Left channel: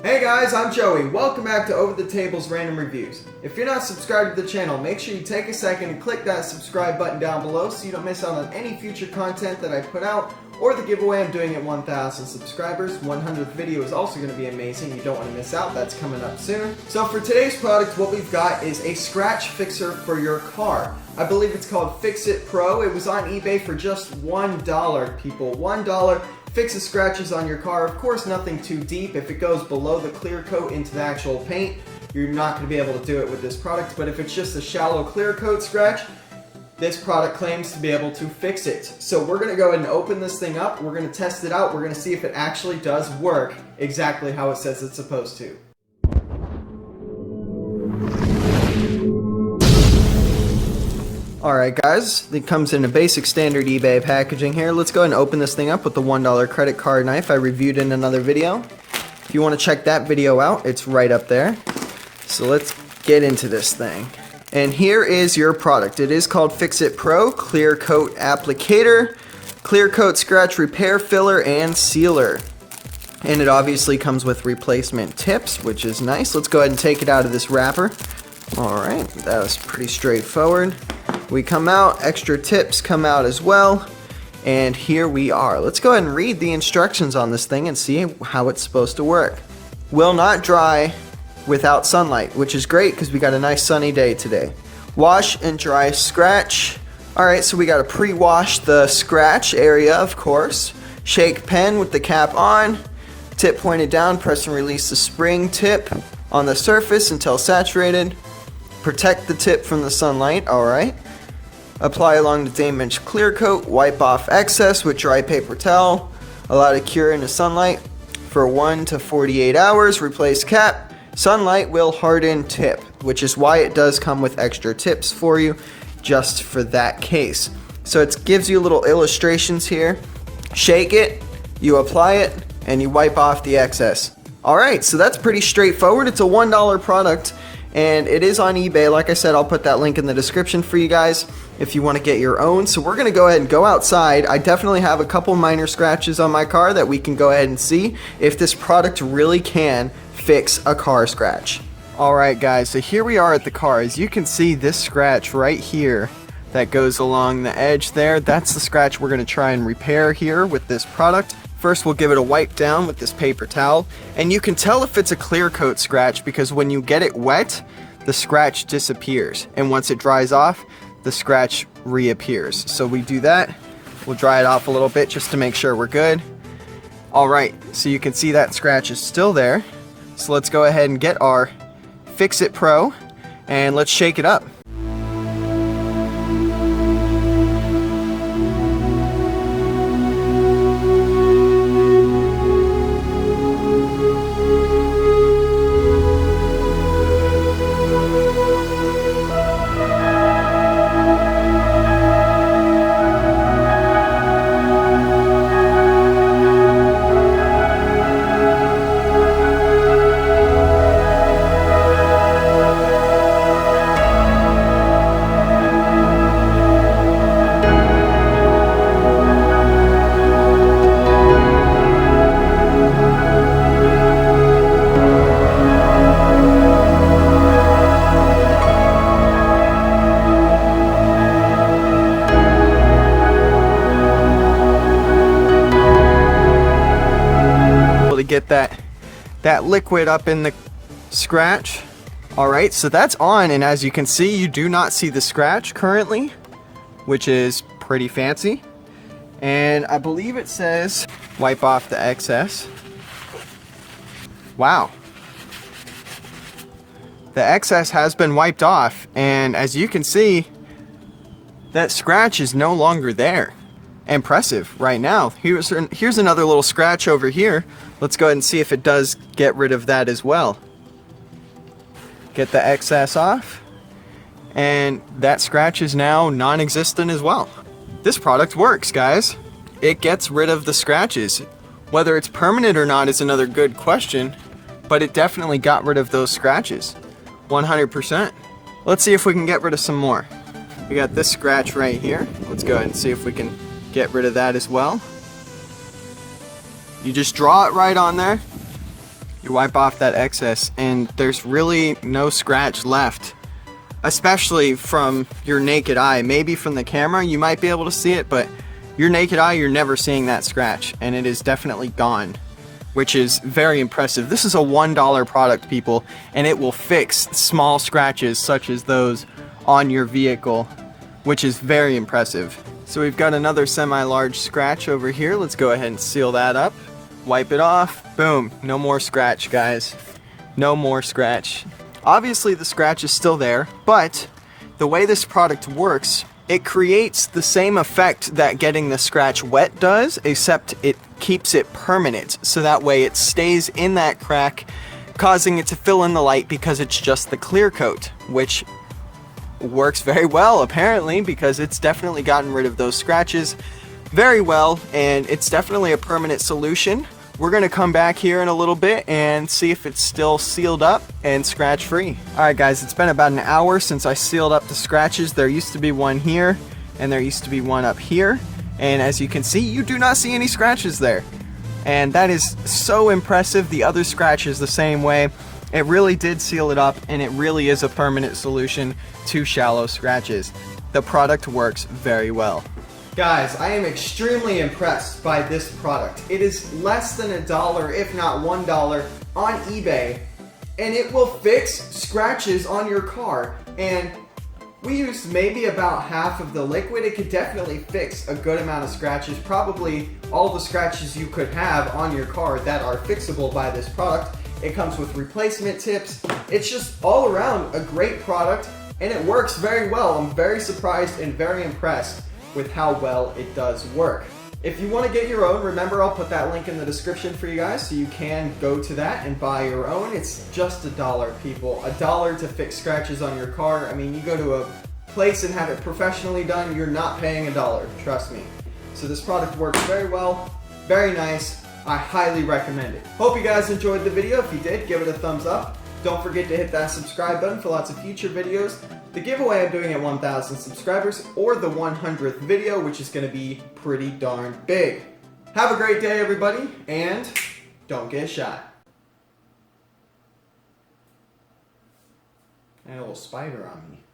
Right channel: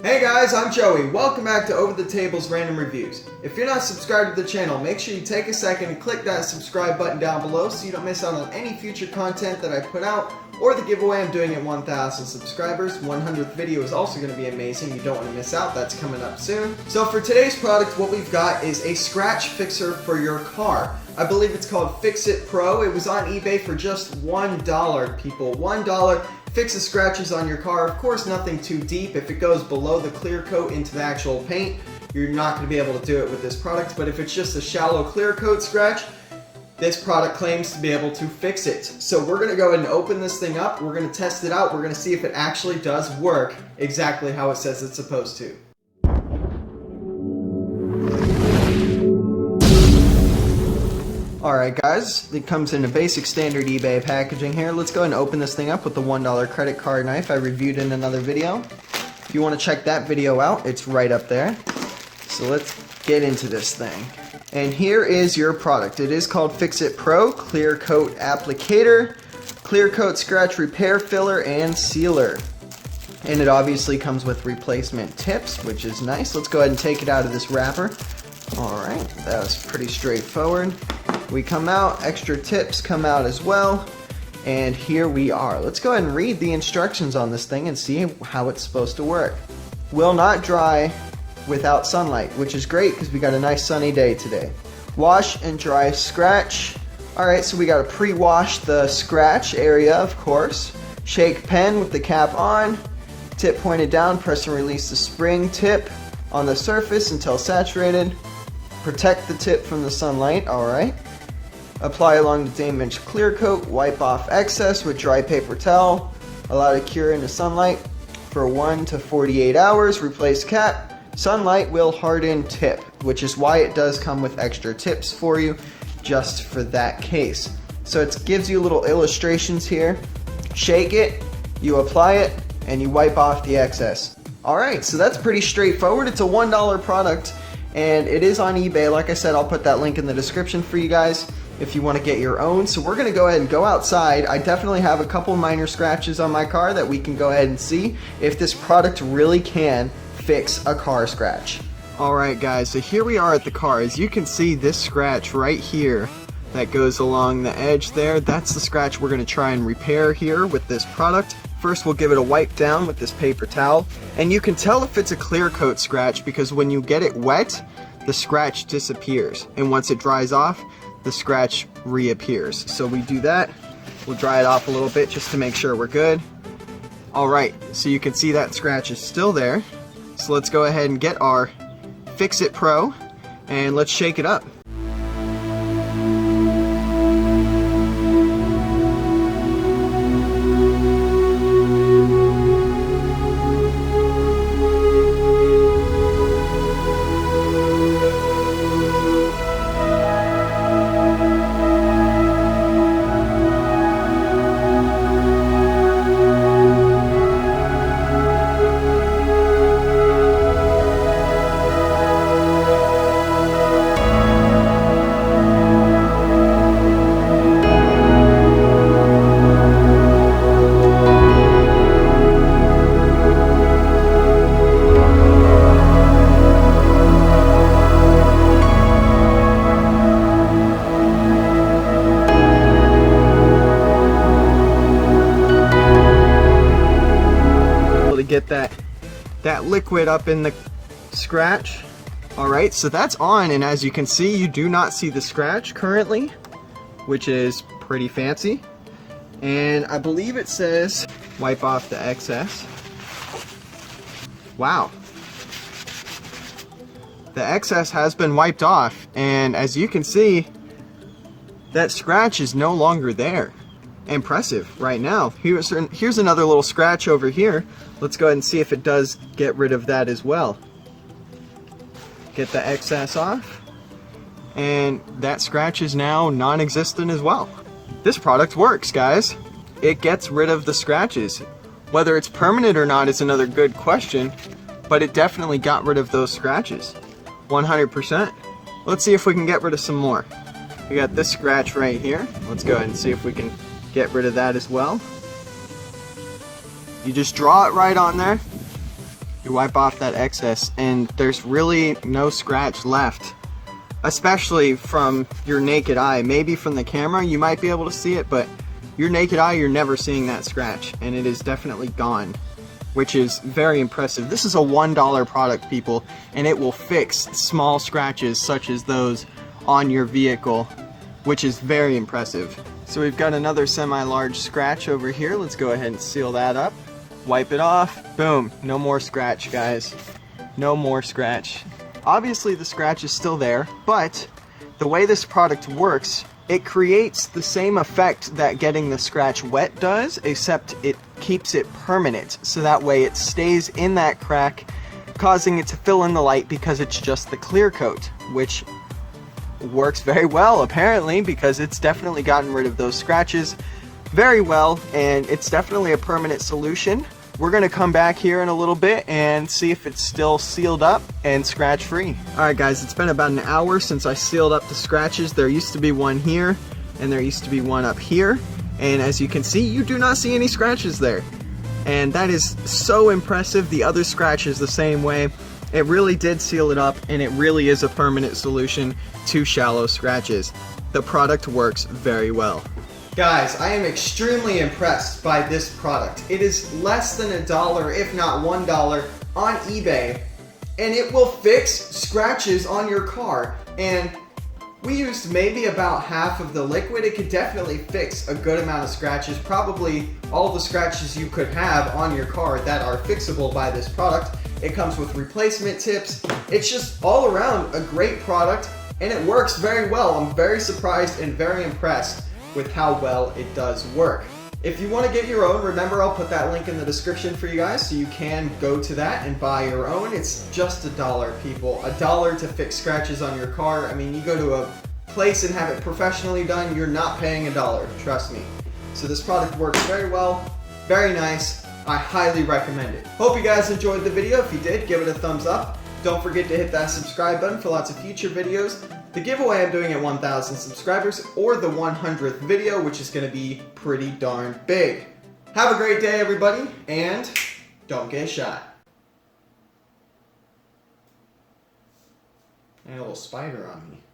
Hey guys, I'm Joey. Welcome back to Over the Table's Random Reviews. If you're not subscribed to the channel, make sure you take a second and click that subscribe button down below so you don't miss out on any future content that I put out or the giveaway I'm doing at 1,000 subscribers. 100th video is also going to be amazing. You don't want to miss out. That's coming up soon. So for today's product, what we've got is a scratch fixer for your car. I believe it's called Fix It Pro. It was on eBay for just $1, people. $1. Fixes scratches on your car. Of course, nothing too deep. If it goes below the clear coat into the actual paint, you're not going to be able to do it with this product. But if it's just a shallow clear coat scratch, this product claims to be able to fix it. So we're going to go ahead and open this thing up. We're going to test it out. We're going to see if it actually does work exactly how it says it's supposed to. Alright guys, it comes in a basic standard eBay packaging here. Let's go ahead and open this thing up with the $1 credit card knife I reviewed in another video. If you want to check that video out, it's right up there. So let's get into this thing. And here is your product. It is called Fix It Pro Clear Coat Applicator, Clear Coat Scratch Repair Filler and Sealer. And it obviously comes with replacement tips, which is nice. Let's go ahead and take it out of this wrapper. Alright, that was pretty straightforward. We come out, extra tips come out as well, and here we are. Let's go ahead and read the instructions on this thing and see how it's supposed to work. Will not dry without sunlight, which is great because we got a nice sunny day today. Wash and dry scratch. Alright, so we got to pre-wash the scratch area, of course. Shake pen with the cap on. Tip pointed down, press and release the spring tip on the surface until saturated. Protect the tip from the sunlight, alright. Apply along the damaged clear coat, wipe off excess with dry paper towel. Allow to cure in the sunlight for 1 to 48 hours. Replace cap. Sunlight will harden tip, which is why it does come with extra tips for you, just for that case. So it gives you little illustrations here. Shake it, you apply it, and you wipe off the excess. Alright, so that's pretty straightforward. It's a $1 product, and it is on eBay. Like I said, I'll put that link in the description for you guys if you want to get your own. So we're going to go ahead and go outside. I definitely have a couple minor scratches on my car that we can go ahead and see if this product really can fix a car scratch. Alright guys, so here we are at the car. As you can see, this scratch right here that goes along the edge there, that's the scratch we're going to try and repair here with this product. First we'll give it a wipe down with this paper towel, and you can tell if it's a clear coat scratch because when you get it wet, the scratch disappears, and once it dries off, the scratch reappears. So we do that. We'll dry it off a little bit just to make sure we're good. Alright, so you can see that scratch is still there. So let's go ahead and get our Fix It Pro and let's shake it up. Get that liquid up in the scratch. Alright, so that's on, and as you can see, you do not see the scratch currently, which is pretty fancy. And I believe it says wipe off the excess. Wow, the excess has been wiped off, and as you can see, that scratch is no longer there. Impressive right now. Here's another little scratch over here. Let's go ahead and see if it does get rid of that as well. Get the excess off, and that scratch is now non-existent as well. This product works, guys. It gets rid of the scratches. Whether it's permanent or not is another good question, but it definitely got rid of those scratches. 100%. Let's see if we can get rid of some more. We got this scratch right here. Let's go ahead and see if we can get rid of that as well. You just draw it right on there. You wipe off that excess and there's really no scratch left, especially from your naked eye. Maybe from the camera you might be able to see it, but your naked eye, you're never seeing that scratch, and it is definitely gone, which is very impressive. This is a $1 product, people, and it will fix small scratches such as those on your vehicle, which is very impressive. So we've got another semi-large scratch over here. Let's go ahead and seal that up. Wipe it off. Boom. No more scratch, guys. No more scratch. Obviously the scratch is still there, but the way this product works, it creates the same effect that getting the scratch wet does, except it keeps it permanent. So that way it stays in that crack, causing it to fill in the light because it's just the clear coat, which works very well apparently, because it's definitely gotten rid of those scratches very well, and it's definitely a permanent solution. We're gonna come back here in a little bit and see if it's still sealed up and scratch free. Alright guys, it's been about an hour since I sealed up the scratches. There used to be one here and there used to be one up here, and as you can see, you do not see any scratches there, and that is so impressive. The other scratch is the same way. It really did seal it up, and it really is a permanent solution to shallow scratches. The product works very well. Guys, I am extremely impressed by this product. It is less than $1, if not $1, on eBay, and it will fix scratches on your car. And we used maybe about half of the liquid. It could definitely fix a good amount of scratches, probably all the scratches you could have on your car that are fixable by this product. It comes with replacement tips. It's just all around a great product, and it works very well. I'm very surprised and very impressed with how well it does work. If you want to get your own, remember I'll put that link in the description for you guys, so you can go to that and buy your own. It's just $1, people. $1 to fix scratches on your car. I mean, you go to a place and have it professionally done, you're not paying $1, trust me. So this product works very well, very nice. I highly recommend it. Hope you guys enjoyed the video. If you did, give it a thumbs up. Don't forget to hit that subscribe button for lots of future videos. The giveaway I'm doing at 1,000 subscribers, or the 100th video, which is going to be pretty darn big. Have a great day, everybody, and don't get shot. I had a little spider on me.